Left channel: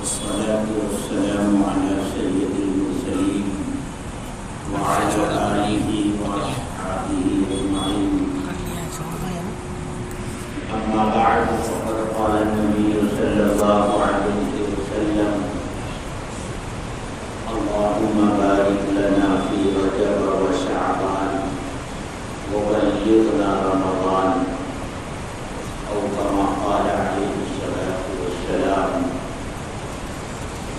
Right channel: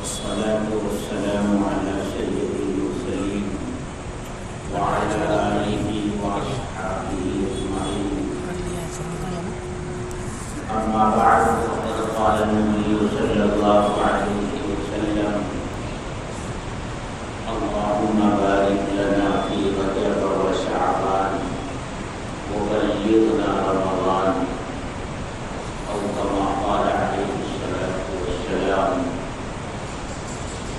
والصلاة والسلام على سيد المرسلين وعلى آله وأصحابه أجمعين. أما بعد فقد قال النبي صلى الله عليه وسلم: اللهم بارك لنا في رجب وشعبان وبلغنا رمضان، أو كما قال عليه الصلاة والسلام.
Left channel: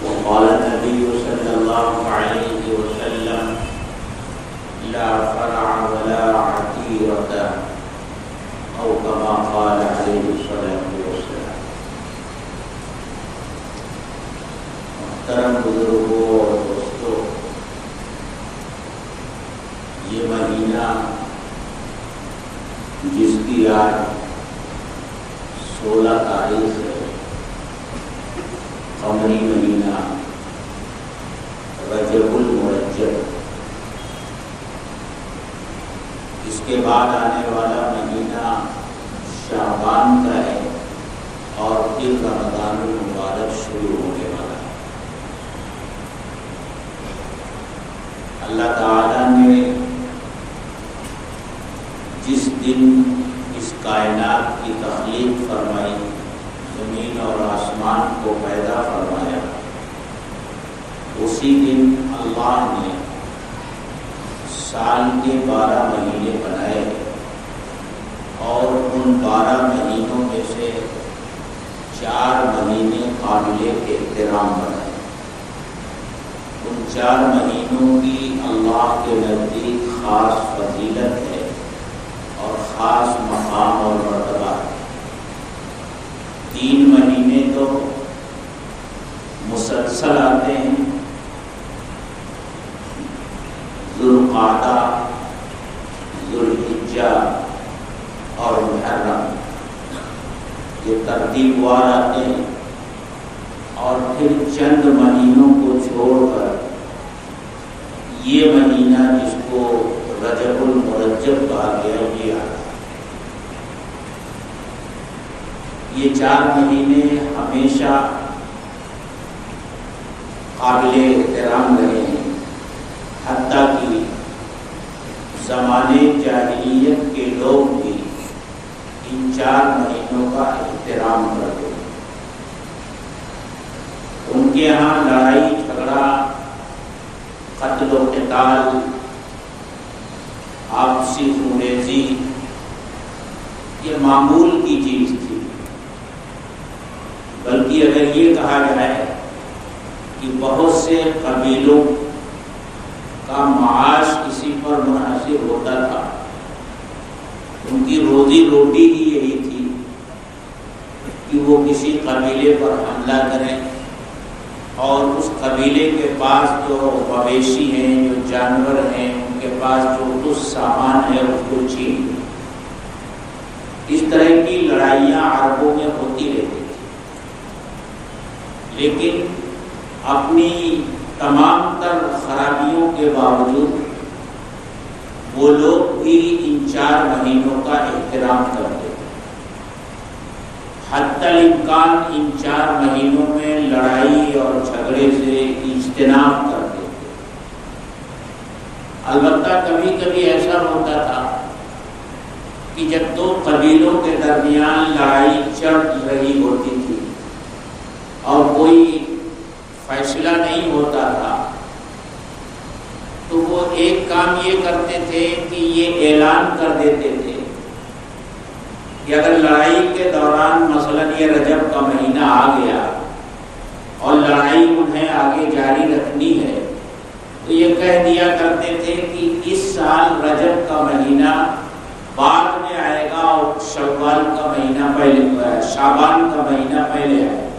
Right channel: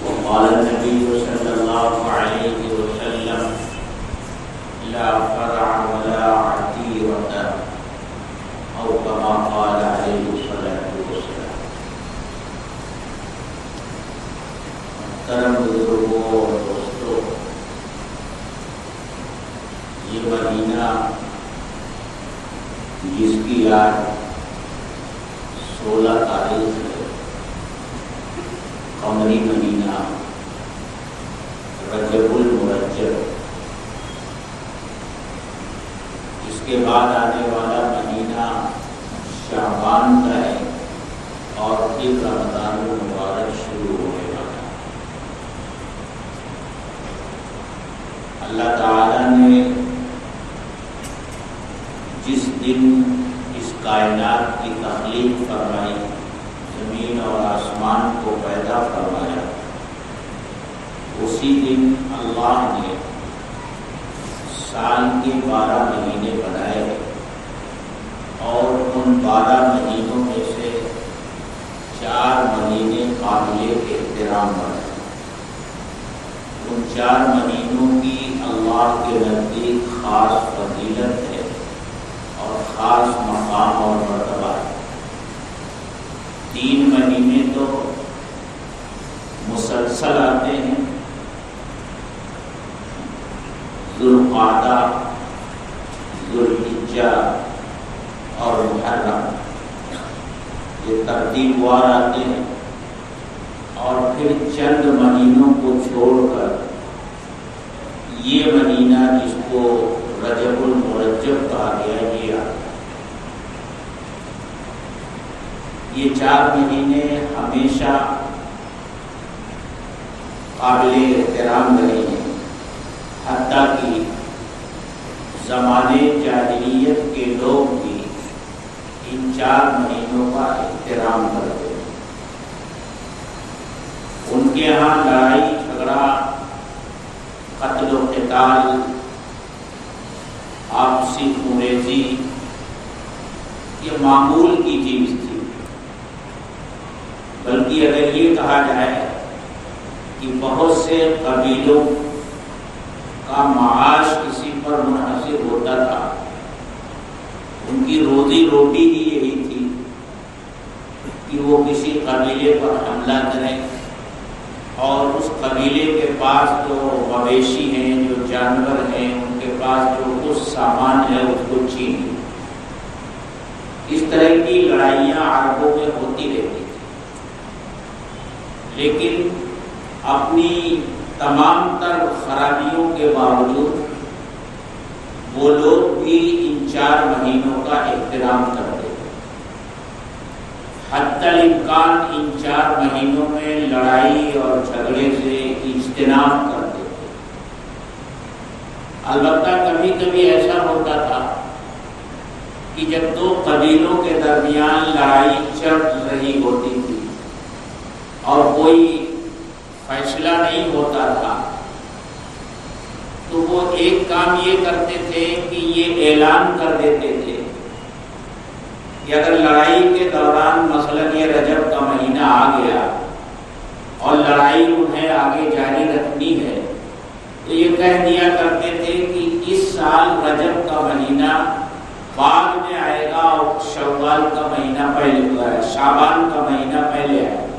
وقال النبي صلى الله عليه وسلم: لا فرع ولا عتيرة، أو كما قال عليه الصلاة والسلام. محترم بزرگوں اور دوستوں، یہ مہینہ جس کی آج 16 تاریخ ہے، قمری مہینہ رجب المرجب، اس کے بعد آنے والا مہینہ شعبان کا ہے اور پھر رمضان المبارک شروع ہونے والا ہے۔ اللہ تعالیٰ نے جس دن اس کائنات کی تخلیق فرمائی، زمین اور آسمان کو پیدا فرمایا، اسی دن اللہ نے سال کے 12 مہینے بنائے اور ان 12 مہینوں میں سے 4 مہینے قابل احترام بنائے۔ ان 4 مہینوں کی اللہ کے نزدیک خاص فضیلت ہے اور خاص مقام اور مرتبہ ہے۔ 3 مہینے تو مسلسل آتے ہیں: ذوالقعدہ، ذوالحجہ اور محرم، یہ ترتیب وار آتے ہیں، اور پھر چند مہینوں کو چھوڑ کر یہ مہینہ جس کو رجب المرجب کہا گیا یہ آتا ہے۔ یہ 4 مہینے ہمیشہ قابل احترام رہے ہیں، حتیٰ کہ زمانے جاہلیت کے لوگ بھی ان 4 مہینوں کا احترام کرتے ہیں۔ ان کے یہاں لڑائی جھگڑا، قتل و قتال، آپسی خونریزی یہ معمول کی چیز تھی، بلکہ اگر یہ کہا جائے کہ بہت سے قبیلوں کا معاش اسی پر منحصر ہوتا تھا، ان کی روزی روٹی ہی یہی تھی کہ وہ کسی قبیلے پر حملہ کریں اور اس قبیلے کے پاس جو مویشی ہیں، جو جانور ہیں، ان کے پاس جو کچھ سامان ہے اس کو چھین لیں۔ اس طرح کی لڑائیاں عربوں میں ہوتی رہتی تھی، لیکن اپنی تمام تر خرابیوں کے باوجود وہ لوگ بھی ان 4 مہینوں کا احترام کرتے تھے۔ حتی الامکان ان 4 مہینوں میں لڑائی اور جھگڑے سے اجتناب کرتے تھے۔ البتہ کبھی کبھی ایسا ہوتا تھا کہ جب 2 قبیلوں کے درمیان لڑائی چل رہی ہوتی تھی اور کوئی فیصلہ نہیں ہوتا تھا، تو وہ ایک کام یہ کرتے تھے کہ یہ اعلان کر دیتے تھے کہ اگر لڑائی کے دوران مثلاً یہ رجب کا مہینہ آ گیا اور لڑائی انہیں آگے جاری رکھنی ہے، تو یہ کہہ دیا کرتے تھے کہ اس سال رجب کا مہینہ بعد میں آئے گا اور شوال کا مہینہ پہلے، شعبان کا مہینہ پہلے آئے گا۔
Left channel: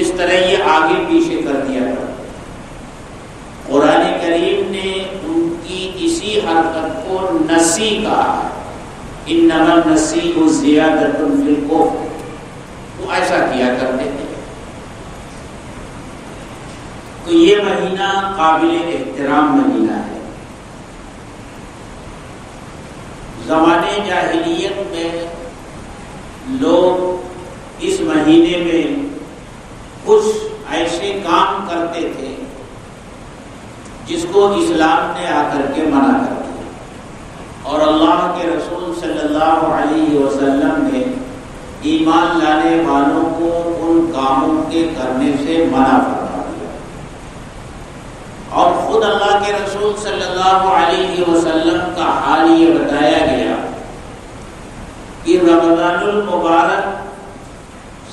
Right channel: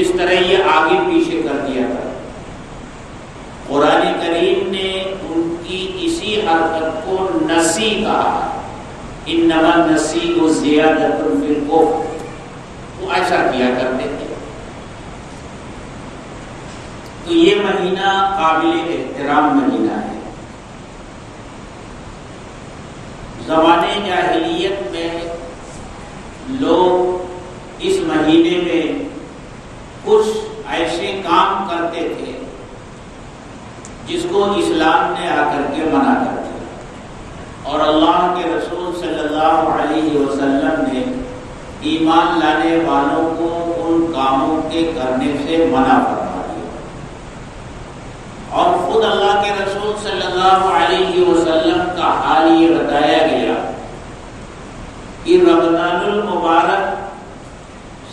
اس طرح یہ آگے پیچھے کر دیا تھا۔ قرآن کریم نے ان کی اسی حرکت کو نسی کہا ہے، انما النسیء زیادۃ فی الکفر، وہ ایسا کیا کرتے تھے۔ تو یہ مہینہ قابل احترام مہینہ ہے۔ زمانے جاہلیت میں لوگ اس مہینے میں کو اسلام نے آ کر کے منع کر دیا، اور اللہ کے رسول صلی اللہ علیہ وسلم نے ایمان لانے والوں کو ان کاموں کے کرنے سے منع فرما دیا، اور خود اللہ کے رسول صلی اللہ علیہ وسلم کا حال یہ بتایا گیا کہ رمضان المبارک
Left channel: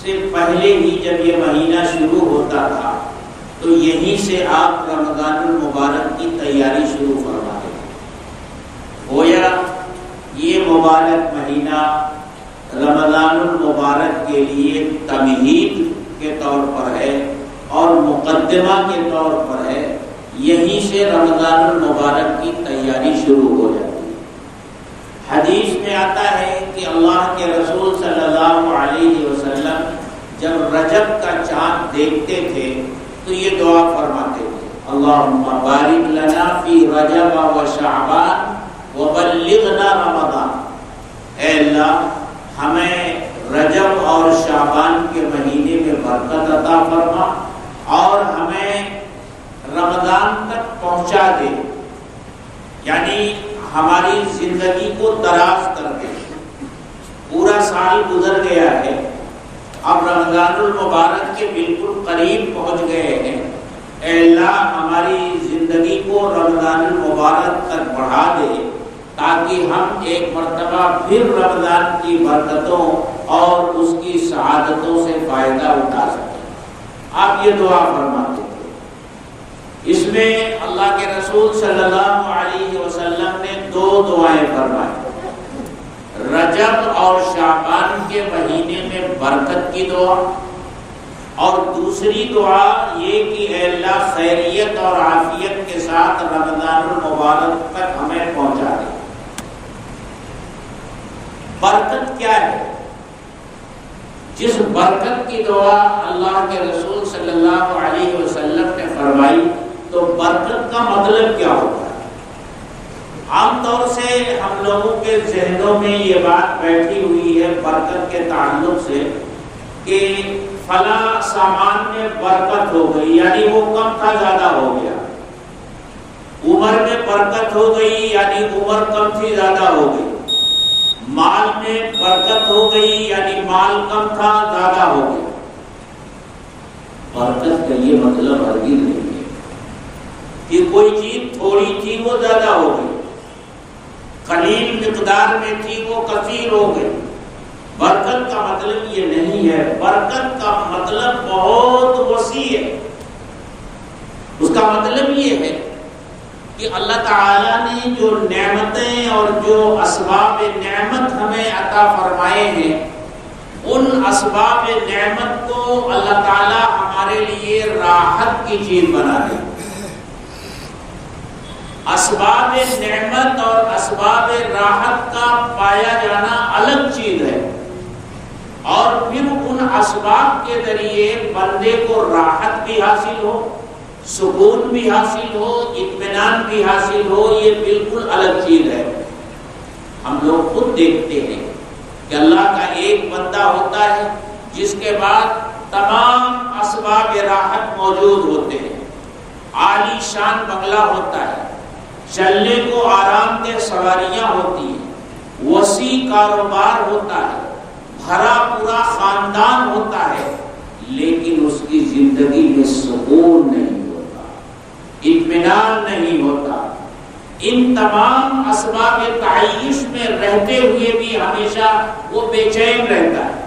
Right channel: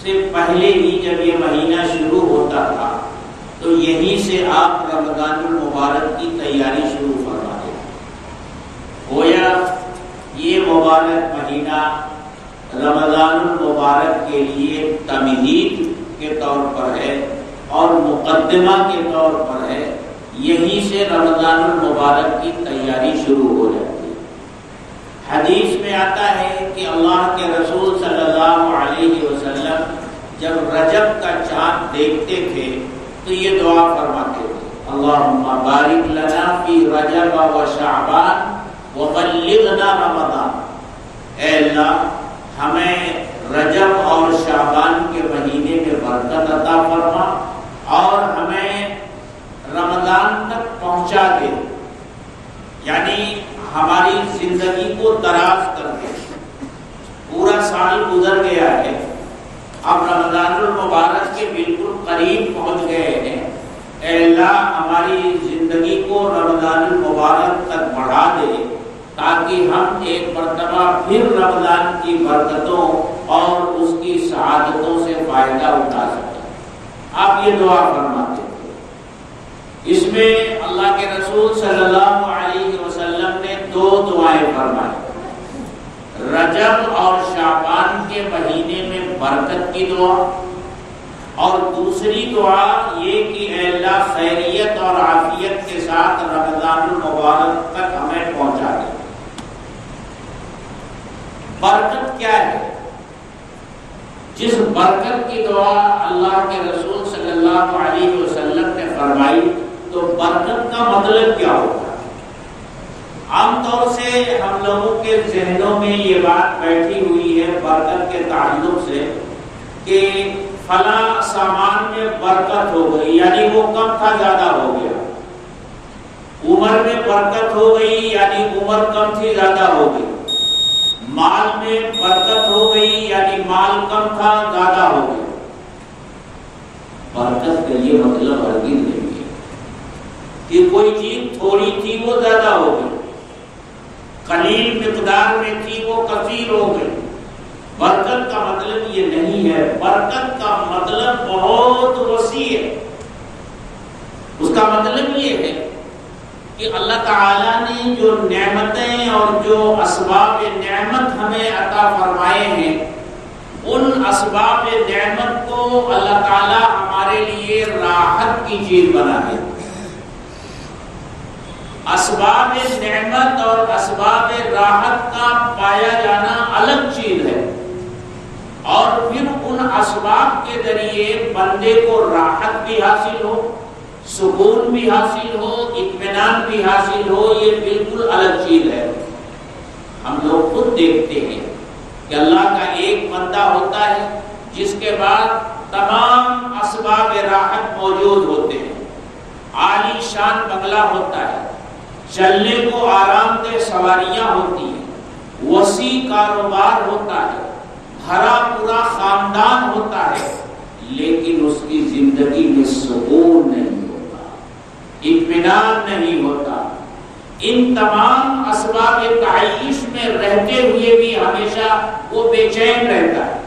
سے پہلے ہی جب یہ مہینہ شروع ہوتا تھا تو یہیں سے آپ رمضان المبارک کی تیاری شروع فرما دیں۔ گویا یہ مبارک مہینہ رمضان المبارک کے لیے تمہید کے طور پر ہے اور مقدمہ کے طور پر ہے، یہیں سے رمضان المبارک کی تیاری شروع ہو جاتی ہے۔ حدیث میں آتا ہے کہ اللہ کے رسول صلی اللہ علیہ وسلم جب رجب کا چاند دیکھتے تھے تو یہ دعا فرماتے تھے، اللہم بارک لنا فی رجب و شعبان وبلغنا رمضان، اے اللہ ہمیں رجب اور شعبان کے مہینے میں برکت عطا فرما اور ہمیں رمضان تک پہنچا دے، یعنی ہماری زندگی کو دراز کر دے۔ پورا سال گزر گیا ہے، اب رمضان المبارک کے بالکل قریب پہنچ گئے ہیں، اے اللہ ہماری زندگی کو رمضان المبارک تک بڑھا دے تاکہ ہم ایک مرتبہ پھر رمضان کی برکتوں اور اس کی سعادتوں سے فائدہ اٹھا سکیں۔ آپ یہ دعا فرماتے تھے۔ اس میں اللہ کے رسول صلی اللہ علیہ وسلم نے دو دعائیں فرمائی، رجب اور شعبان کے مہینے میں برکت کی دعا، اور دوسری دعا یہ کہ اے اللہ خیریت اور عافیت کے ساتھ رمضان المبارک تک ہمیں پہنچا دے۔ برکت کیا ہے؟ جس برکت کی دعا اللہ کے رسول صلی اللہ علیہ وسلم نے فرمائی تو برکت کا مطلب کیا ہوتا ہے؟ عام طور سے ہم لوگوں کے ذہنوں میں یہ بات بیٹھی ہوئی ہے برکت کے تعلق سے کہ فلاں سامان میں برکت ہو گئی، یعنی وہ کم تھا زیادہ ہو گیا، عمر میں برکت ہو گئی یعنی عمر کم تھی زیادہ ہو گئی، مال میں برکت ہو گئی یعنی مال کم تھا زیادہ ہو گیا۔ برکت کا یہ مطلب ہرگز نہیں ہے کہ کوئی چیز تھوڑی تھی وہ زیادہ ہو گئی، قلیل مقدار میں تھی وہ کثیر ہو گئی۔ برکت کا مطلب یہ نہیں ہے، برکت کا مطلب بہت وسیع ہے۔ اس کا مطلب یہ ہے کہ اللہ تعالیٰ نے جو نعمتیں اور جو اسباب نعمت ہمیں عطا فرمائے ہیں، ان اسباب نعمت کو اللہ تعالیٰ ہمارے لیے راحت کی چیز بنا دے۔ اسباب نعمت اور اسباب راحت کا پایا جانا الگ چیز ہے، اور پھر ان اسباب کے ذریعے بندے کو راحت بھی حاصل ہو، سکون بھی حاصل ہو، اطمینان بھی حاصل ہو، یہ بالکل الگ چیز ہے۔ ہم لوگ خود دیکھتے ہیں کہ اللہ کا ایک بندہ ہوتا ہے جس کے بعد تمام اسباب راحت موجود ہوتے ہیں، عالی شان بنگلہ ہوتا ہے، چلنے کو آرام دہ سواریاں ہوتی ہیں، وسیع کاروبار ہوتا ہے، بھرا پورا خاندان ہوتا ہے، لیکن اس کی زندگی میں سکون نہیں ہوتا، اطمینان نہیں ہوتا۔ ان تمام اسباب تعیش میں رہتے ہوئے بھی ہمیشہ وہ بے چین رہتا ہے۔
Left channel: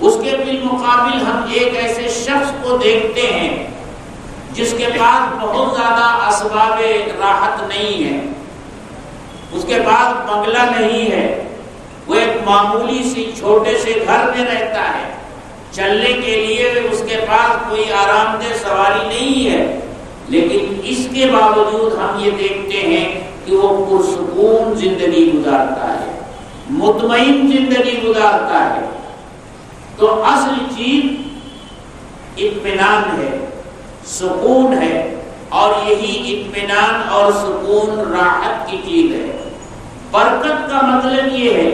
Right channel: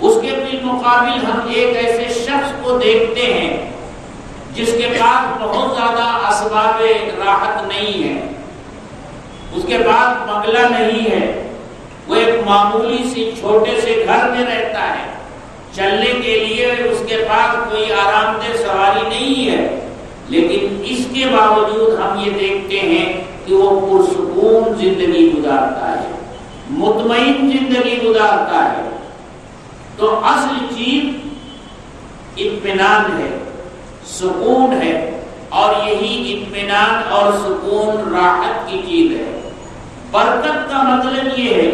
اس کے بالمقابل ہم ایک ایسے شخص کو دیکھتے ہیں جس کے پاس بہت زیادہ اسباب راحت نہیں ہے، اس کے پاس بنگلہ نہیں ہے، وہ ایک معمولی سی چھوٹے سے گھر میں رہتا ہے، چلنے کے لیے اس کے پاس کوئی آرام دہ سواری نہیں ہے، لیکن اس کے باوجود ہم یہ دیکھتے ہیں کہ وہ پرسکون زندگی گزارتا ہے، مطمئن زندگی گزارتا ہے۔ تو اصل چیز اطمینان ہے، سکون ہے، اور یہی اطمینان اور سکون راحت کی چیز ہے۔ برکت کا مطلب یہ ہے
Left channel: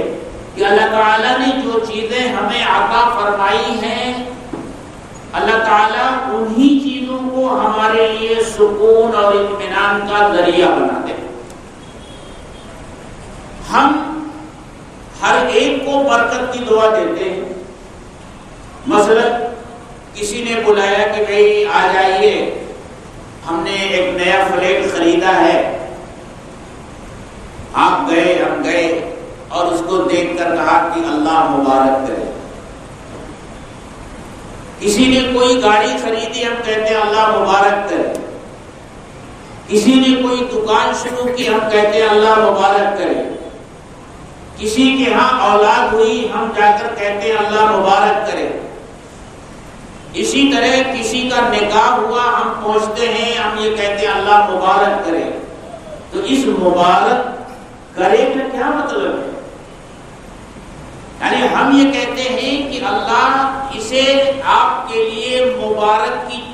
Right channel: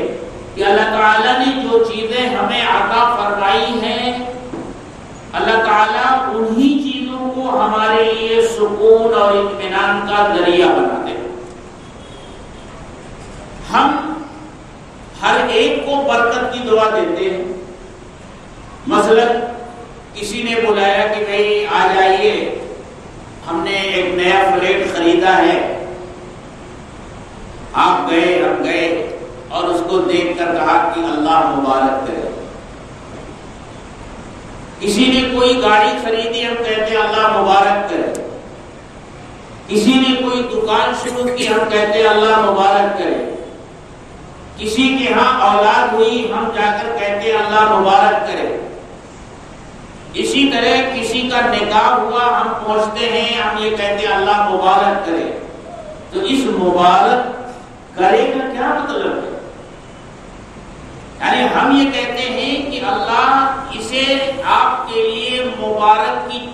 کہ اللہ تعالیٰ نے جو چیزیں ہمیں عطا فرمائی ہیں، اللہ تعالیٰ انہی چیزوں کو کو ہمارے لیے سکون اور اطمینان کا ذریعہ بنا دے۔ ہم ہر ایک کو برکت کی دعا دیتے ہیں۔ مثلا کسی نے بلایا کہ بھئی آ جائیے، ہم نے ایک نیا فلیٹ خریدا ہے، آپ گئے، ہم گئے اور اس کو دیکھ کر کہا کہ اللہ مبارک کرے۔ کسی نے کوئی گاڑی خریدی، ہم کہتے ہیں اللہ مبارک کرے۔ کسی نے کوئی دکان شروع کی، ہم کہتے ہیں اللہ مبارک کرے۔ کسی کے ہاں اولاد ہوئی، ہم جا کر کہتے ہیں اللہ مبارک کرے۔ اسی طرح کسی کا نکاح ہوا، ہم پہنچتے ہیں، ہم یہ کہتے ہیں اللہ مبارک کرے۔ تو اس مبارک کرے کا کیا مطلب ہے؟ یعنی ہم یہ کہتے ہیں کہ اللہ اسے آپ کے لیے مبارک کی،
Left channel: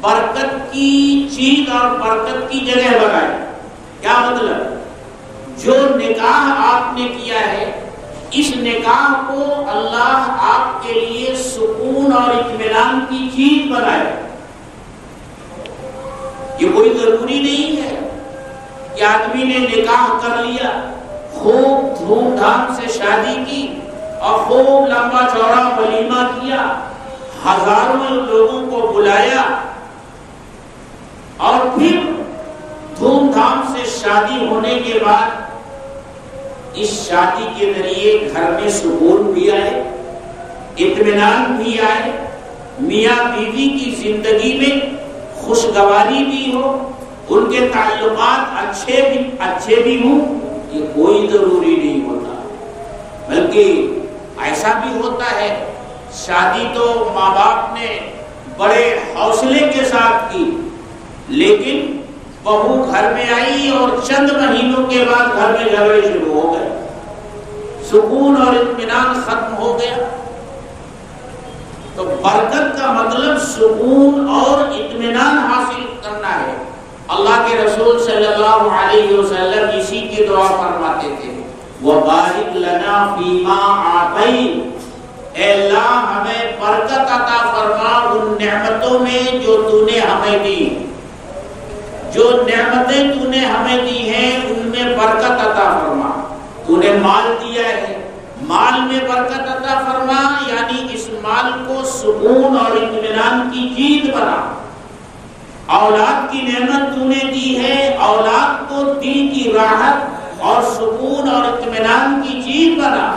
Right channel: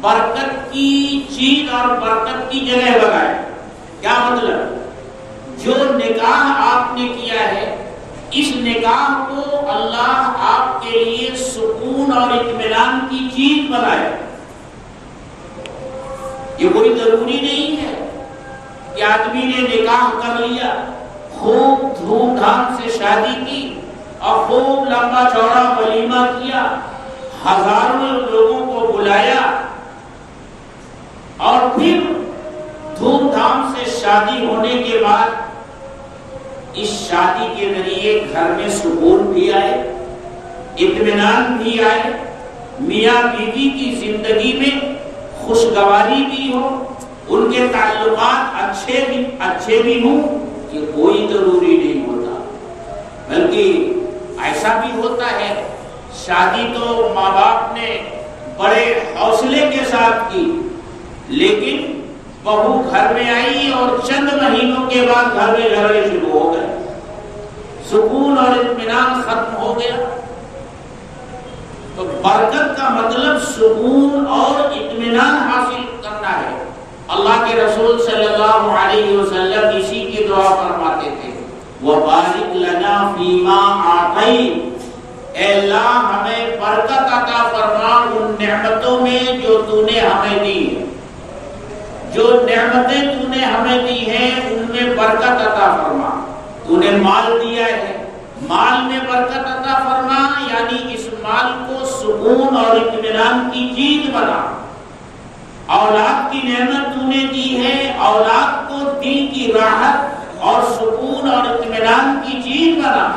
برکت کی چیز اور برکت کی جگہ بنائے۔ کیا مطلب؟ جو نکاح آپ نے کیا ہے، اس نکاح کو اللہ آپ کے لیے سکون اور اطمینان کی چیز بنائے۔ یہ کوئی ضروری نہیں ہے کہ آدمی نے نکاح کر لیا، خوب دھوم دھام سے شادی کی اور خوب لمبا چوڑا ولیمہ کیا، ہزاروں لوگوں کو بلایا اور پھر دھوم دھام سے شادی ہونے کے بعد اس شادی کے ذریعے گھر میں سکون بھی آئے، اطمینان بھی آئے، میاں بیوی کی زندگی میں خوشگواری بھی ہو، ان کے تعلقات اچھے بھی ہوں، یہ کوئی ضروری نہیں ہوتا۔ بلکہ ایسا بھی ہوتا ہے، شادی تو ماں باپ نے بڑے حوصلے کے ساتھ کی، لیکن بہو گھر میں آئی اور چند مہینوں کے بعد گھر میں جھگڑے شروع ہو گئے، سکون اور اطمینان ختم ہو گیا۔ تو برکت کا مطلب سکون اور اطمینان حاصل کرنا ہے۔ اللہ کے رسول صلی اللہ علیہ وسلم اسی کی دعا فرماتے تھے، وَبَارِكْ لَنَا فِي مَا أَعْطَيْتَ، اے اللہ ہمیں برکت عطا فرما ان نعمتوں میں جو تو نے ہمیں دی، جو نعمتیں تو نے ہمیں دی ہیں ان میں برکت عطا فرما۔ تو نے مال دیا ہے، مال میں برکت عطا فرما، یعنی اس مال کو سکون اور اطمینان کی چیز بنا۔ اولاد کی نعمت تو نے دی ہے، اولاد کو دین کی راحت اور سکون اور اطمینان کی چیز بنا۔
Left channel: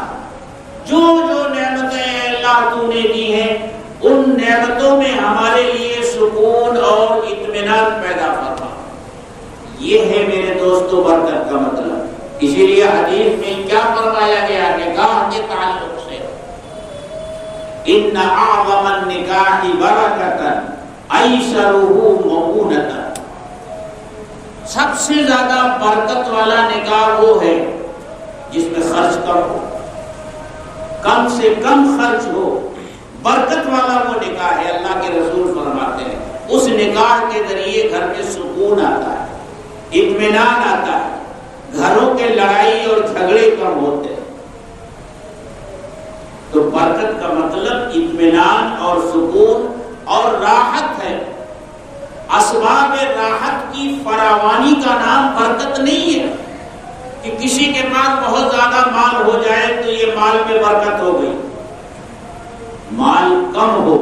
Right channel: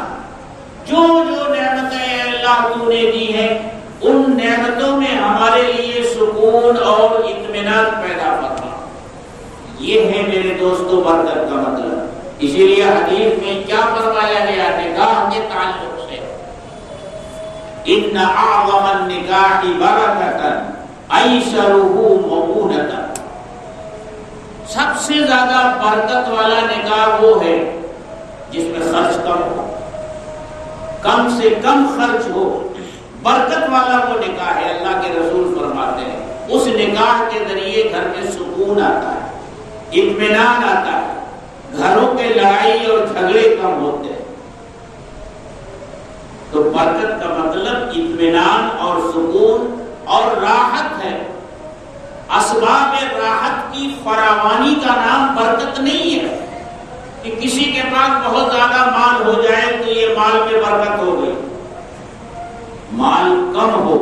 جو جو نعمتیں اللہ تو نے دی ہیں ان نعمتوں میں ہمارے لیے سکون اور اطمینان پیدا فرما۔ یہ ہے میرے دوستو برکت کا مطلب۔ اسی لیے حدیث میں کیا فرمایا گیا نکاح کے تعلق سے، ان اعظم النکاح برکۃ ایسرہ مؤونۃ، سب سے زیادہ برکت والا نکاح وہ ہے جس میں خرچ کم ہو، کم سے کم خرچ ہو، برکت والا وہ نکاح ہے۔ اللہ کے رسول فرماتے ہیں اس نکاح کے ذریعے گھر میں سکون آتا ہے، اطمینان آتا ہے، گھروں کے لڑائی اور جھگڑے کم ہوتے ہیں۔ تو برکت کا مطلب اطمینان اور سکون اور راحت ہے۔ اسباب راحت کی فراوانی کا نام برکت نہیں ہے کہ کسی کے پاس بہت زیادہ مال ہو جائے تو یہ مال میں برکت ہو گئی۔ مال کم ہو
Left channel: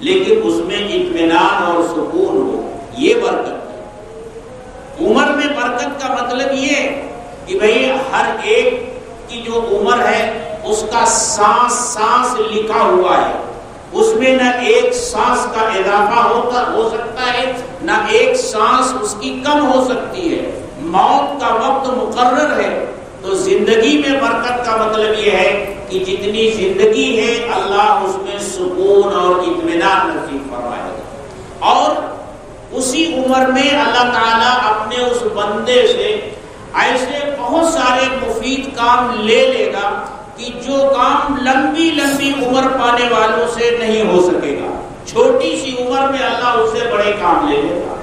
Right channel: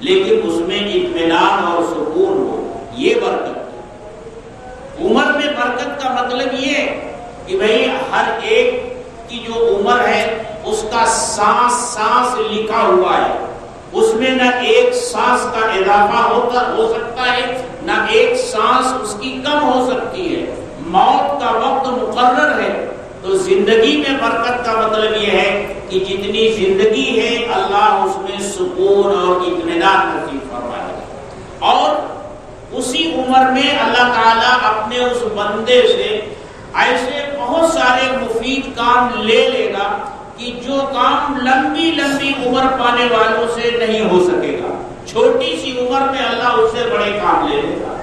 لیکن اس میں اطمینان اور سکون ہو، یہ برکت۔ عمر میں برکت کا مطلب یہ کہ بھئی ہر ایک کی جو عمر ہے اس کا سانس سانس لکھا ہوا ہے، اس میں نہ ایک سانس کا اضافہ ہو سکتا ہے، نہ ایک سانس اس کی کم ہو سکتی ہے، موت کا وقت مقرر ہے۔ تو زندگی میں برکت کا مطلب یہ ہے کہ جتنی زندگی ہے اللہ اس میں سکون اور اطمینان نصیب فرمائے، اور اسی عمر میں اللہ تعالیٰ اپنے اس بندے سے ایسے بہت سارے مفید کام لے لے گا کہ جو کام لمبی لمبی عمر پانے والوں سے نہیں ہو سکے گا، چھوٹی سی عمر میں اللہ اس سے بڑے کام لے لے گا۔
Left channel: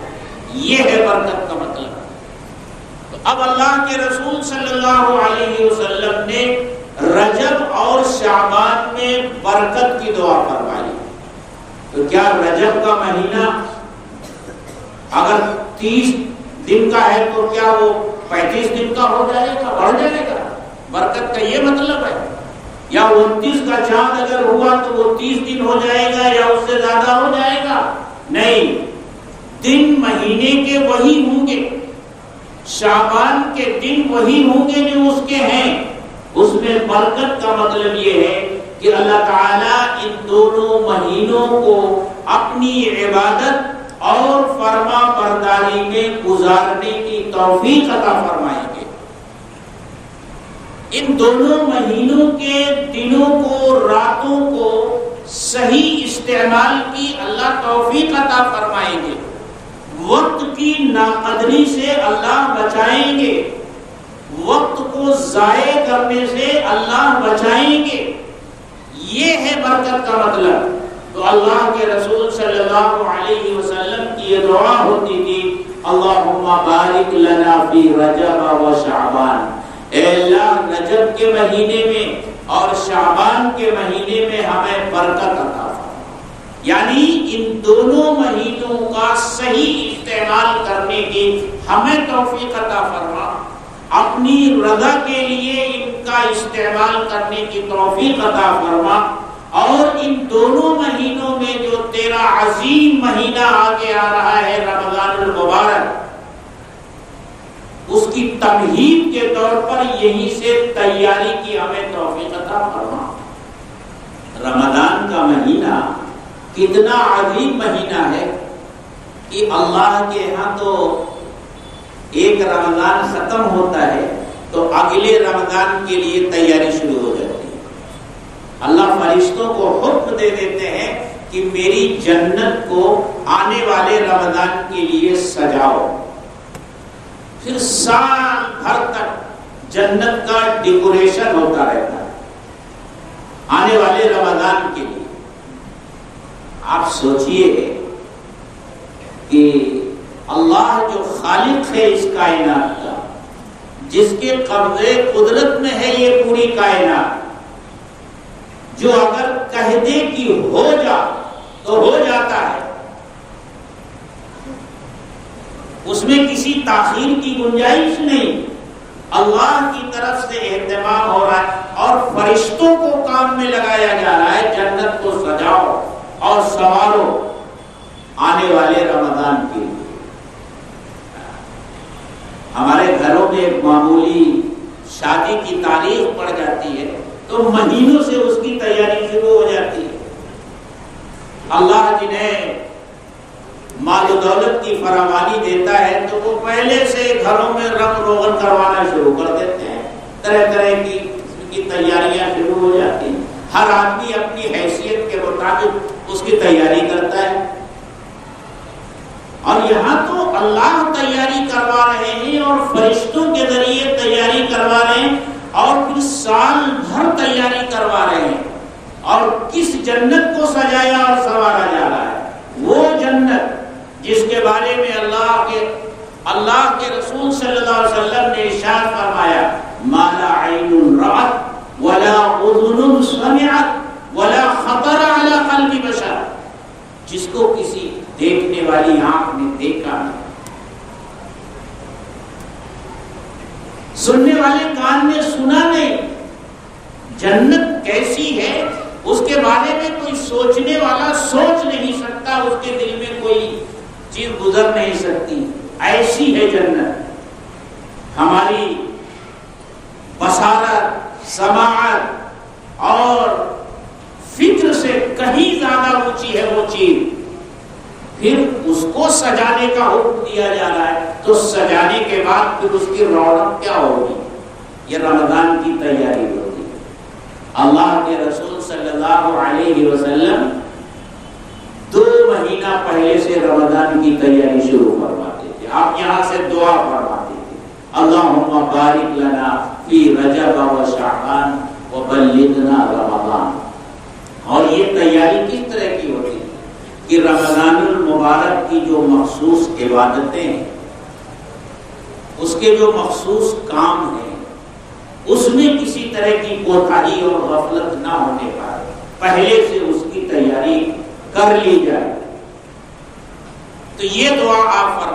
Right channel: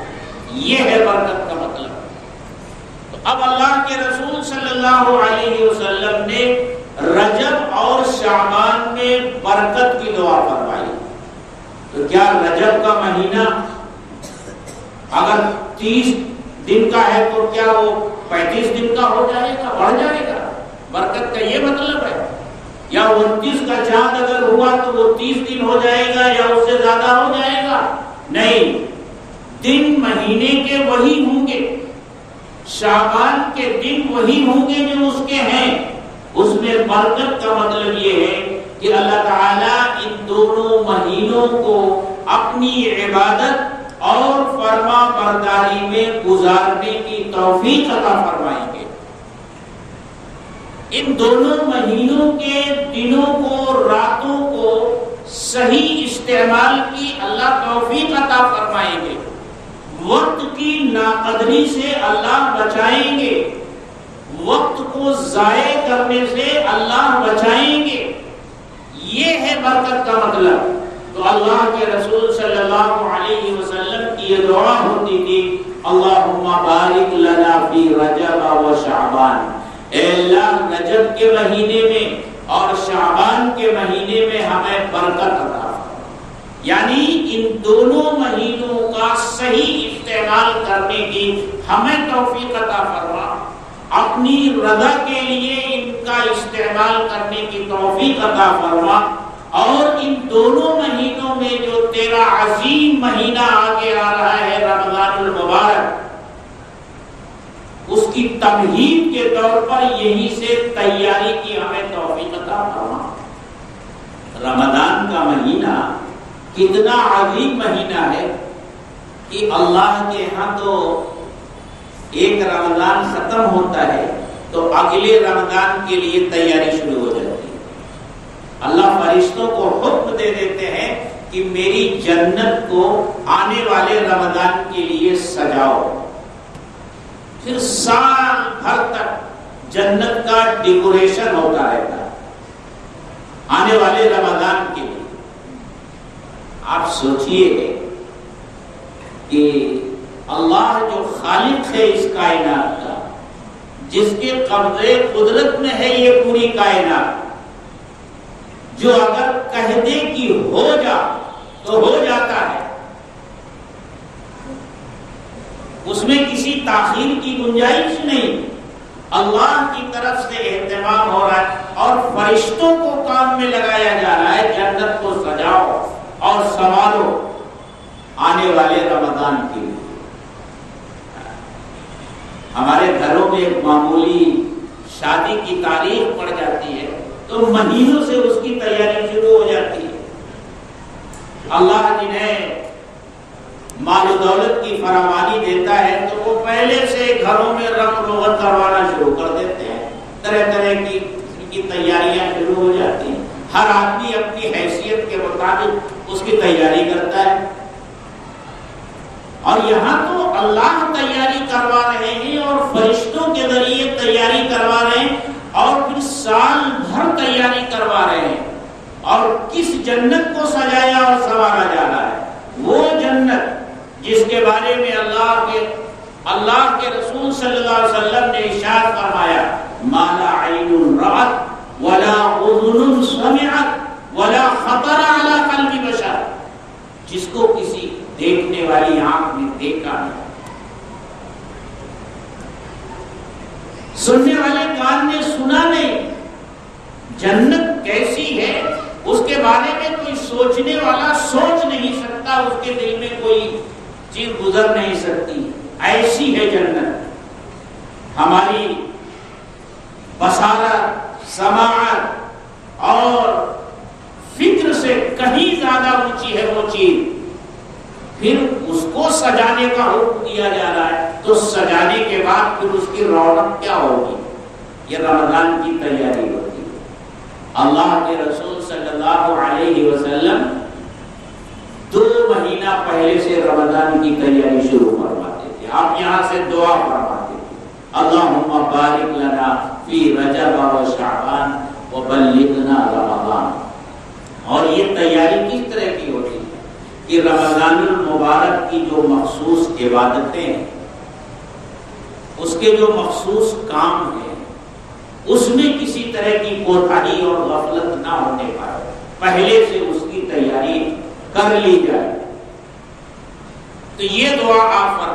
یہ ہے برکت کا مطلب۔ تو اب اللہ کے رسول صلی اللہ علیہ وسلم نے رجب اور شعبان میں برکت کی دعا فرمائی۔ تو کیا رجب کا مہینہ اگر 30 دن کا ہے تو کیا وہ 35 دن کا ہو جائے گا، بڑھ جائے گا؟ برکت کا یہ مطلب ہے؟ یا 29 کا چاند اگر ہوا تو وہ 30 دن ہو جائے گا یا اس سے زیادہ ہو جائے گا؟ نہیں، دن مہینے کے وہی ہوں گے، شعبان کے دن وہی ہوں گے جو اس کے ہیں۔ اس میں برکت کا مطلب یہ ہے کہ اللہ تعالیٰ ان دونوں مہینوں کو اپنی عبادت اور فرما برداری میں گزارنے کی توفیق عطا فرمائیں گے۔ ان دونوں مہینوں کے دنوں کو، راتوں کو صحیح استعمال کی اللہ توفیق عطا فرمائیں گے، وقت کی ناقدری سے اللہ بچائیں گے، وقت کو ضائع کرنے سے اللہ بچائیں گے۔ یہ ہے برکت کا مطلب۔ تو اللہ کے رسول صلی اللہ علیہ وسلم کی یہ دعا ہوتی تھی، اللہم بارک لنا فی رجب و شعبان، اے اللہ رجب کے مہینے میں اور شعبان کے مہینے میں ہمیں برکت عطا فرما، یعنی ان دونوں مہینوں کا صحیح استعمال کرنے کی ہمیں توفیق عطا فرما، اپنی رضا کے لیے ان کا استعمال کرنے کی توفیق عطا فرما، اور ان دونوں مہینوں میں جو تیرا عظیم مہینہ آگے آ رہا ہے رمضان المبارک، اس کی تمہید کے طور پر یہیں سے تیاری کی ہمیں توفیق عطا فرما۔ رمضان کا مہینہ کتنا عظیم مہینہ ہے کہ اللہ کے ہاں تو ایک رمضان ختم ہوتا ہے تو اگلے رمضان کے لیے تیاری شروع ہو جاتی ہے۔ اللہ فرشتوں کو حکم دے دیتے ہیں کہ میری جنت کو آنے والے رمضان کے لیے سجاؤ۔ پھر سال بھر تک جنت کا ڈیکوریشن ہوتا رہتا ہے آنے والے رمضان کے لیے۔ آپ سوچئے کہ اللہ جو خالق ہے اس کائنات کا، جس کے قبضے قدرت میں ہے یہ پوری کائنات، جو اگر کہہ دے کہ ہو جا تو ہو جاتا ہے، اس میں کسی تاخیر کی گنجائش نہیں، اللہ کی طرف سے اہتمام ہو رہا ہے اور فرشتوں کو کام میں لگایا جا رہا ہے جنت کو سجاؤ اور سنوارو آنے والے رمضان کے لیے۔ ہمارے گھروں میں ایک معمولی شادی کی تاریخ پڑ جاتی ہے تو مہینوں سے اس کی تیاری شروع ہو جاتی ہے۔ اللہ جنہیں مال و دولت کی فراوانی دیتا ہے تو وہ پہلے سے گھروں میں رنگ روغن کروانا شروع کر دیتے ہیں، طرح طرح کی تیاریاں شروع ہو جاتی ہیں۔ ہر آدمی اپنی حیثیت کے مطابق اس کی تیاری کرتا ہے، اور یہاں تو اللہ تیاری کروا رہے ہیں اور فرشتوں کے ذریعے تیاری کروا رہے ہیں، اور پھر سال بھر تیاری کروا رہے ہیں۔ اور کس جنت کو سجایا اور سنوارا جا رہا ہے؟ وہ جنت جس کے بارے میں اللہ کے رسول صلی اللہ علیہ وسلم نے ارشاد فرمایا، ما لا عین رأت ولا اذن سمعت ولا خطر علی قلب بشر، جس کو کسی دیکھنے والی آنکھ نے دیکھا نہیں، سننے والے کان نے سنا نہیں۔ جنت کیسی ہے اس کے بارے میں کوئی سوچنے والا سوچ نہیں سکتا، اس کے دل میں کوئی چیز گزر نہیں سکتی، ایسی ہے جنت۔ ہماری بصارت، سماعت اور فکر سے کہیں زیادہ اونچی ہے وہ چیز، پھر اس کو سجانے کا حکم دیا جا رہا ہے، تو سجانے کے بعد پھر اس کی رونق کیا ہوگی؟ یہ رمضان کی تیاری ہوتی ہے۔ اللہ کے رسول صلی اللہ علیہ وسلم 2 مہینہ پہلے سے رمضان کی تیاری شروع فرماتے تھے۔ آپ یہاں سے دعا فرماتے تھے، اللہم بارک لنا فی رجب و شعبان وبلغنا رمضان۔ اور یہ تیاری کس طرح کی ہوتی ہے کہ رمضان المبارک کی جو مخصوص عبادتیں ہیں، اس کے جو مخصوص کام ہیں، اس میں کسی طرح کی کوتاہی اور غفلت نہ ہونے پائے، پہلے سے اس کی تیاری کر لی جائے۔ تو یہ دعا آپ فرمائیں۔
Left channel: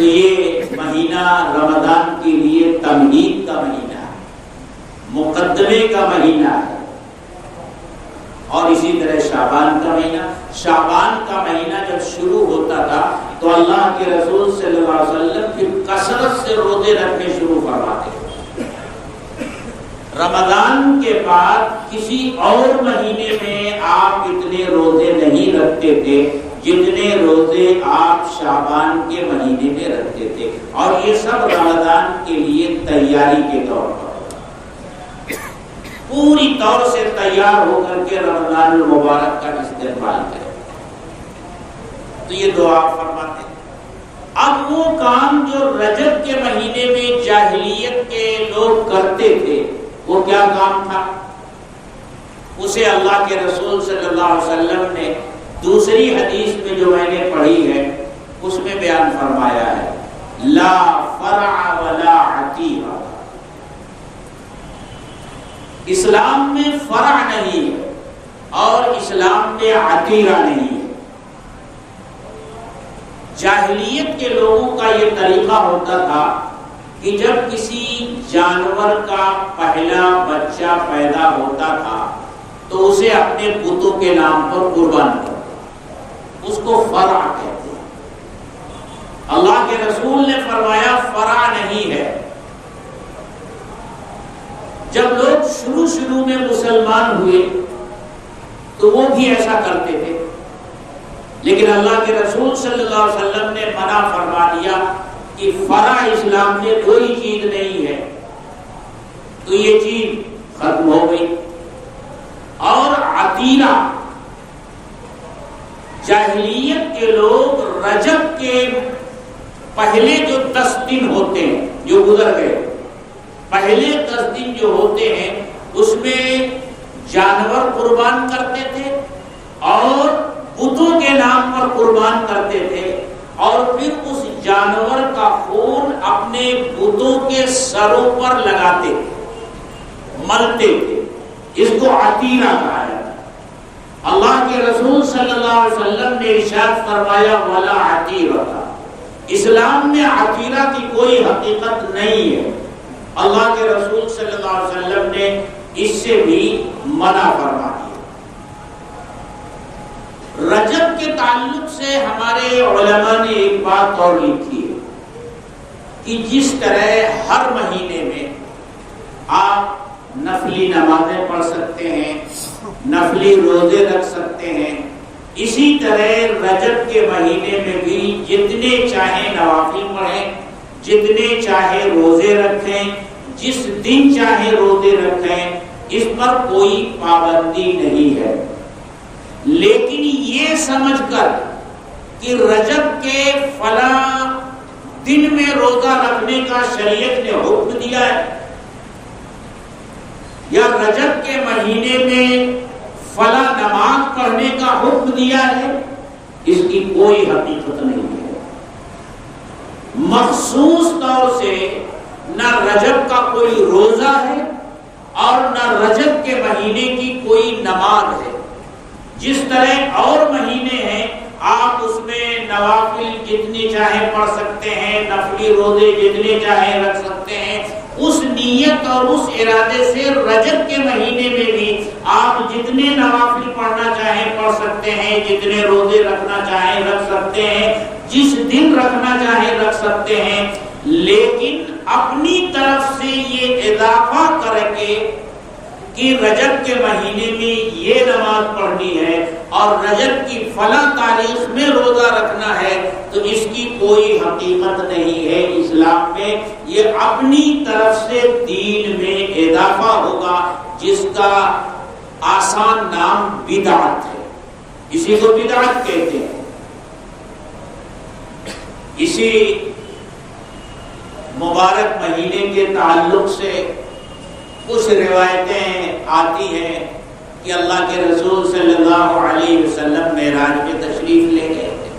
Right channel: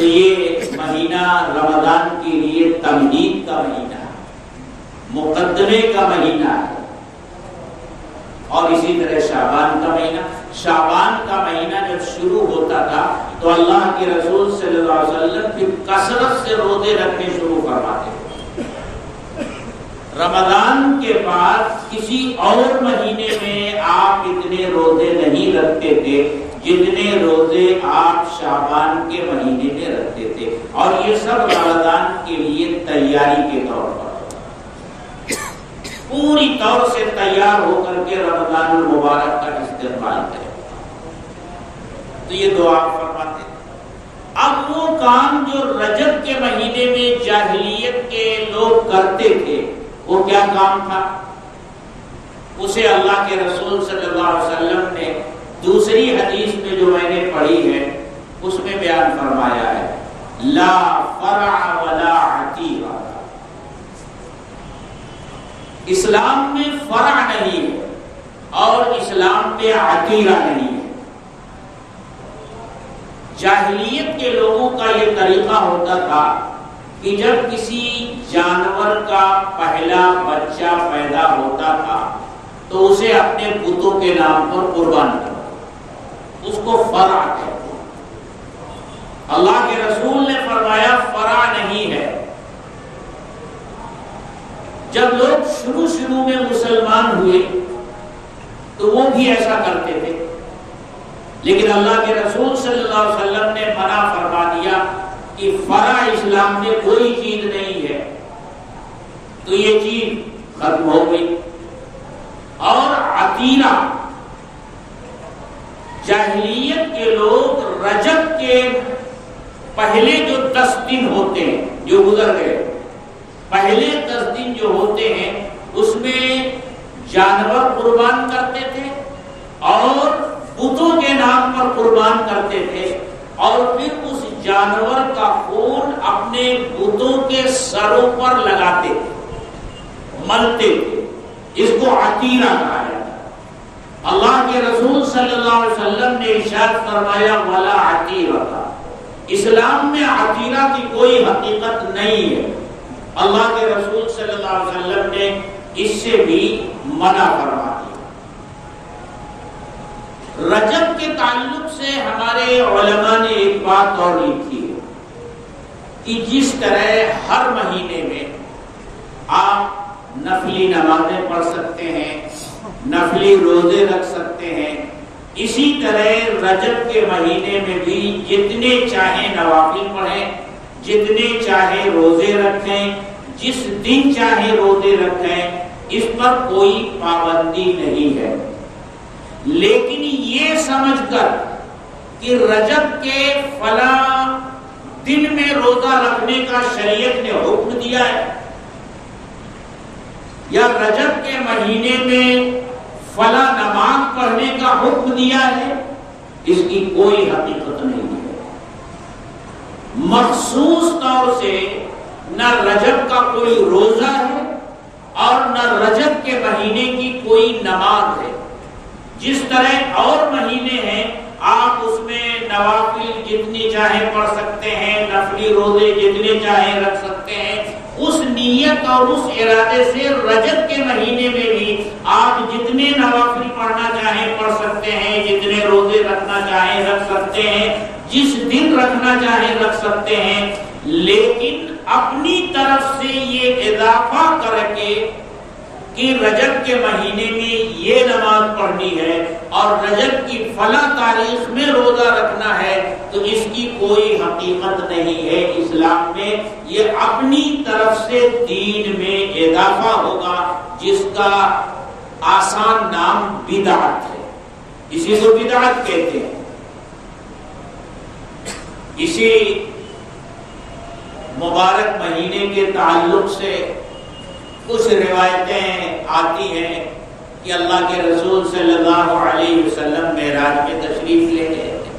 تو یہ مہینہ رمضان کے لیے تمہید کا مہینہ ہے، مقدمے کا مہینہ ہے۔ اور اسی طرح شعبان کا مہینہ، شعبان کا مہینہ جب شروع ہوتا تھا تو اللہ کے رسول صلی اللہ علیہ وسلم کی کثرت سے روزے رکھنے شروع فرماتے تھے۔ رمضان کے بعد کسی اور مہینے میں آپ اتنے روزے نہیں رکھتے تھے جتنے روزے آپ شعبان کے مہینے میں رکھتے تھے، اور یہ سب رمضان کے لیے تیاری کے طور پر پوری طور سے تیار ہو کر کے رمضان المبارک کا استقبال کریں۔ تو یہ دعا فرماتے ہیں۔ اب وہ کام جو رجب کے مہینے میں جاہلیت کے لوگ کرتے تھے وہ کیا کام تھا؟ اسے اللہ کے رسول صلی اللہ علیہ وسلم نے دوسری حدیث میں جو میں نے پڑھی ہے اس میں بیان فرمایا ہے، لا فرع ولا عتیقہ۔ اسلام میں فرع نہیں ہے اور اسلام میں عتیقہ نہیں ہے۔ جاہلیت کے لوگوں کا یہ طریقہ ہوتا تھا کہ جب کسی جانور کا پہلا بچہ پیدا ہوتا تھا تو اسے اپنے بتوں کے نام پر قربان کرتے، اس کو فرع کہتے ہیں۔ اللہ کے رسول نے فرمایا فرع نہیں ہے۔ جب لوگ شروع میں مسلمان ہوئے تو وہ بھی ایسا کرتے تھے، لیکن اللہ کے رسول صلی اللہ علیہ وسلم نے منع فرما دیا کہ فرع اسلام میں کوئی چیز نہیں ہے، تو یہ چیز ختم ہو گئی۔ اور عتیرہ، جاہلیت کے لوگ رجب کے پہلے جو 10 دن ہوتے ہیں جو گزر گئے، پہلے 10 دن جو ہوتے ہیں اس میں جانور قربان کرتے تھے اور بتوں کے نام پر قربان کرتے تھے، اور پھر اس جانور کا خون اپنے بتوں کے سروں پر لگاتے تھے، ملتے تھے۔ اس کو عتیرہ کہا جاتا ہے۔ اللہ کے رسول صلی اللہ علیہ وسلم نے ارشاد فرمایا ولا عتیرہ، اسلام میں عتیرہ کی کوئی حقیقت نہیں ہے۔ اللہ کے رسول صلی اللہ علیہ وسلم نے اس سے بھی منع فرما دیا۔ رجب کے تعلق سے ہمارے علماء نے ایک بات اور لکھی ہے کہ جس طرح ہر مہینے میں آپ نفلی نمازیں پڑھ سکتے ہیں، نفلی روزے رکھ سکتے ہیں، اسی طرح رجب کے مہینے میں بھی جتنے چاہیں نوافل پڑھیں، جتنے چاہے روزے رکھیں، جس دن چاہے روزے رکھیں، اس پر کوئی پابندی نہیں ہے۔ لیکن یہ سمجھ کر کہ رجب کے فلاں دن میں روزہ رکھنے کا شریعت نے حکم دیا ہے، یا رجب کے مہینے میں فلاں نماز پڑھنے کا حکم دیا ہے، اس کی کوئی حقیقت نہیں ہے۔ مخصوص طور سے نہ رجب کا کوئی روزہ ہے اور نہ رجب کے مہینے کی کوئی نماز ہے۔ جس طرح اور مہینے ہیں آپ اس میں نوافل جتنی چاہیں پڑھ سکتے ہیں، نفلی روزے جتنے چاہیں رکھ سکتے ہیں، اس نیت اور اس ارادے سے رجب کے مہینے میں بھی آپ جتنے نوافل پڑھنا چاہیں پڑھ سکتے ہیں، جتنے روزے رکھنا چاہیں رکھ سکتے ہیں، جس دن رکھنا چاہیں رکھ سکتے ہیں، لیکن اپنی طرف سے یہ اضافہ کر کے کہ رجب کے مہینے میں یہ نماز پڑھنی ہے اور رجب کی فلاں تاریخ میں روزہ رکھنا ہے، تو اس کی کوئی حقیقت نہیں ہے اسلام میں۔ یہ اپنی طرف سے دین میں اضافہ ہوگا جس کا آسان نام بدعت ہے، اسی کو بدعت کہتے ہیں۔ اسی مبارک مہینے کے تعلق سے کچھ روایتیں آتی ہیں کہ اللہ کے رسول صلی اللہ علیہ وسلم معراج پہ تشریف لے گئے تھے۔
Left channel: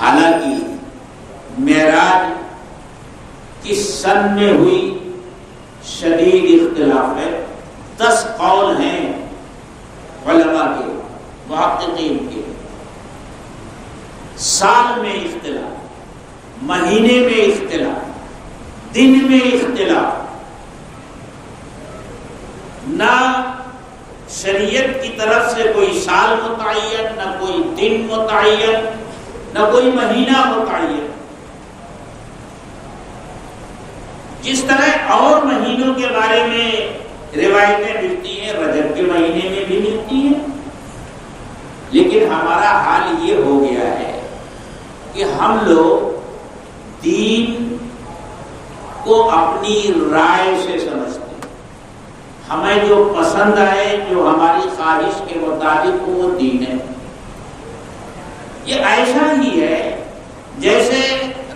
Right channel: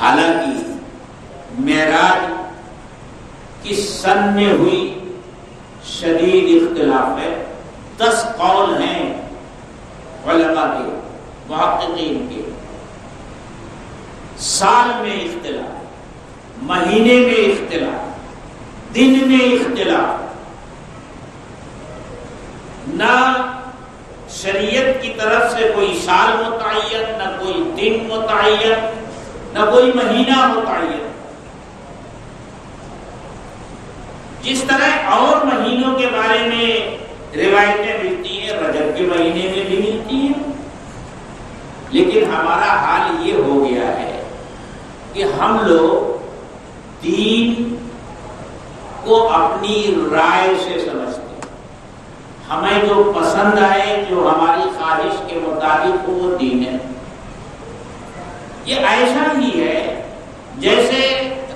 حالانکہ معراج کس سن میں ہوئی شدید اختلاف ہے، 10 قول ہیں علماء کے، محققین کے۔ سال میں اختلاف، مہینے میں اختلاف، دن میں اختلاف، نہ شریعت کی طرف سے کوئی سال متعین، نہ کوئی دن متعین، نہ کوئی مہینہ متعین۔ جس طرح اور مہینوں کے بارے میں روایتیں ملتی ہیں، رجب کے مہینے میں بھی ملتی ہیں، لیکن ہمارا حال یہ ہو گیا ہے کہ ہم لوگ دین کو اپنی رائے سے سمجھتے ہیں، ہمیں جو پسند آئے، جو ہماری خواہش کے مطابق ہو، وہ دین ہے۔ یہ ایسا ہی ہے جیسے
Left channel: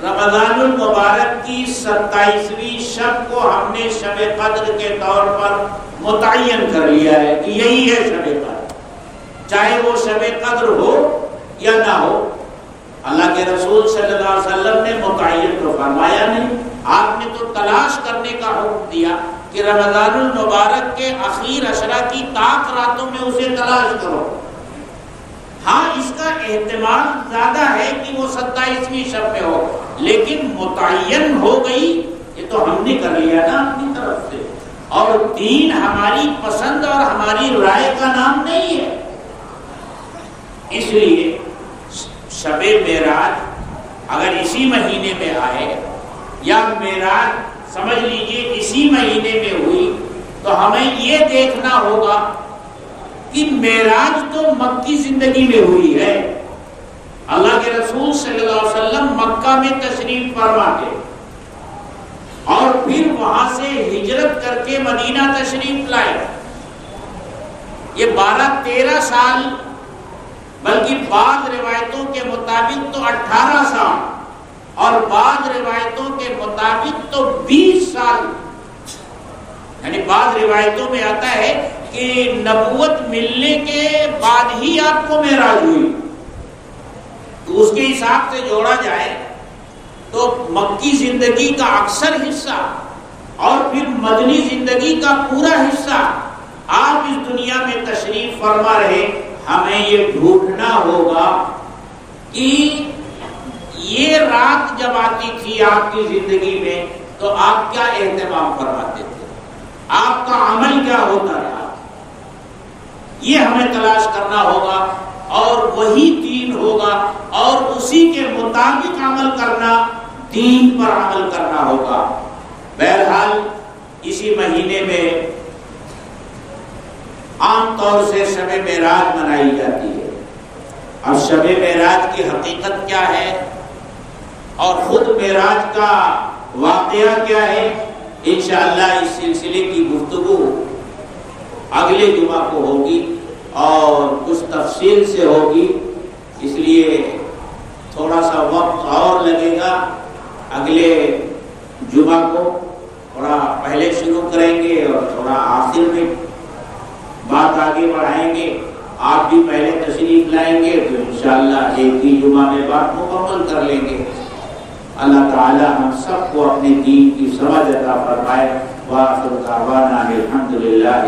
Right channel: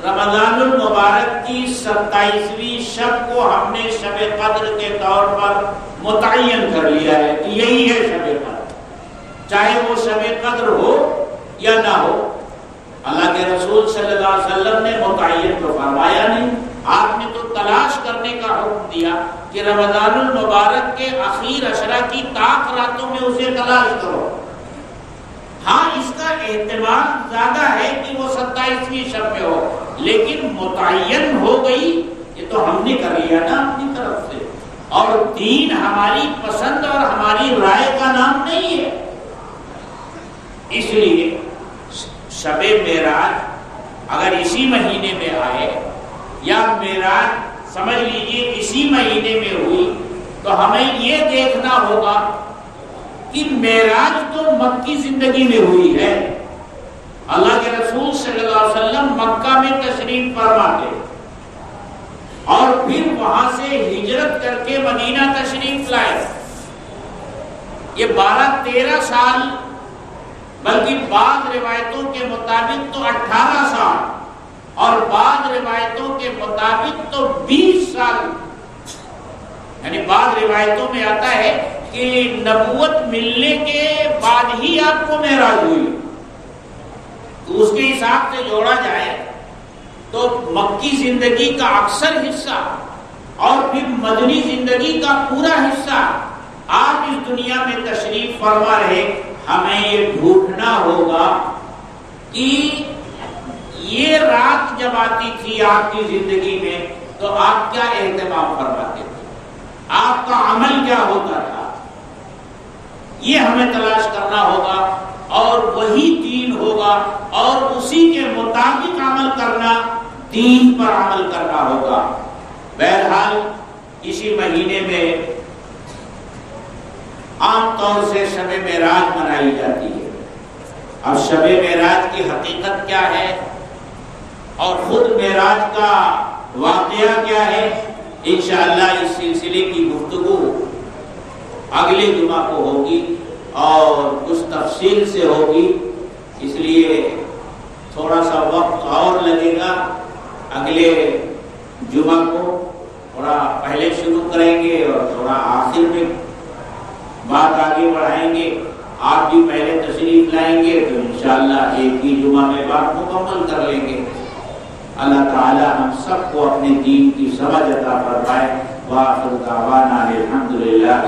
رمضان المبارک کی 27ویں شب کو ہم نے شب قدر کے طور پر متعین کر لیا ہے کہ یہی ہے شب قدر، چاہے وہ شب قدر ہو یا نہ ہو۔ اللہ کے رسول صلی اللہ علیہ وسلم نے متعین تو فرمایا نہیں، آپ نے تو تلاش کرنے کا حکم دیا کہ رمضان المبارک کے اخیر عشرہ کی طاق راتوں میں اسے تلاش کرو۔ ہاں، اس کا احتمال زیادہ ہے کہ وہ 27ویں شب میں ہو، لیکن متعین ہو گئی، یہ تو ہم نے کر لیا نا اپنی طرف سے، اور دین ہماری پسند اور ہماری رائے کا نام نہیں ہے۔ اس لیے شب معراج اگر اسی مہینے میں آئے یا معراج سمجھ لیجئے اسی مہینے میں ہوئی، تو ہمیں یہ دیکھنا ہوگا کہ معراج تو مکی زندگی میں ہوئی ہے۔ اللہ کے رسول صلی اللہ علیہ وسلم مکہ میں تشریف فرما کے اور پھر وہاں سے ہجرت کر کے مدینہ تشریف لائے۔ یہ 12-13 سال، بلکہ بعض روایتوں کے مطابق تو 18 سال، اور بعض روایتوں کے مطابق تو 20 سال، یعنی بعض روایتوں میں آتا ہے کہ نبوت ملنے کے بعد ہی آپ کو معراج ہوئی، تو اس کے حساب سے جوڑا جائے تو مکی زندگی کا اکثر حصہ اور پھر مدنی زندگی کا پورا حصہ آپ اس دنیا میں تشریف فرما رہے۔ ہمیں یہ ڈھونڈنا ہوگا کہ یہ رات جب آتی تھی آپ کی زندگی میں تو آپ کیا اہتمام فرماتے تھے، آپ کا عمل کیا ہوتا رہا، یہ ہمیں تلاش کرنا ہوگا، اور وہی دین ہوگا، اور اسی کے مطابق عمل کرنا، دین پر عمل کرنا ہوگا۔ بہرحال اسی مہینے میں عام طور سے شب معراج منائی جاتی ہے۔ اب شب معراج کی حقیقت کیا ہے اور خود معراج کا واقعہ کیا ہے، انشاءاللہ اس سلسلے کی گفتگو اگلے جمعہ کو ہوگی اور کچھ تفصیل سے ہوگی، اس لیے تھوڑا سا وقت اور لگے گا۔ اگلے جمعہ کو تھوڑا پہلے شروع کریں گے اور تھوڑا آخر میں بات آگے بڑھائیں گے۔ آپ بھی پہلے تشریف لائیں گے تو انشاءاللہ ایک ہی جمعہ میں بات مکمل کر لیں گے۔ اللہ تعالی ہم سب کو اپنے دین کی سمجھ عطا فرمائے۔ وآخر دعوانا الحمدللہ۔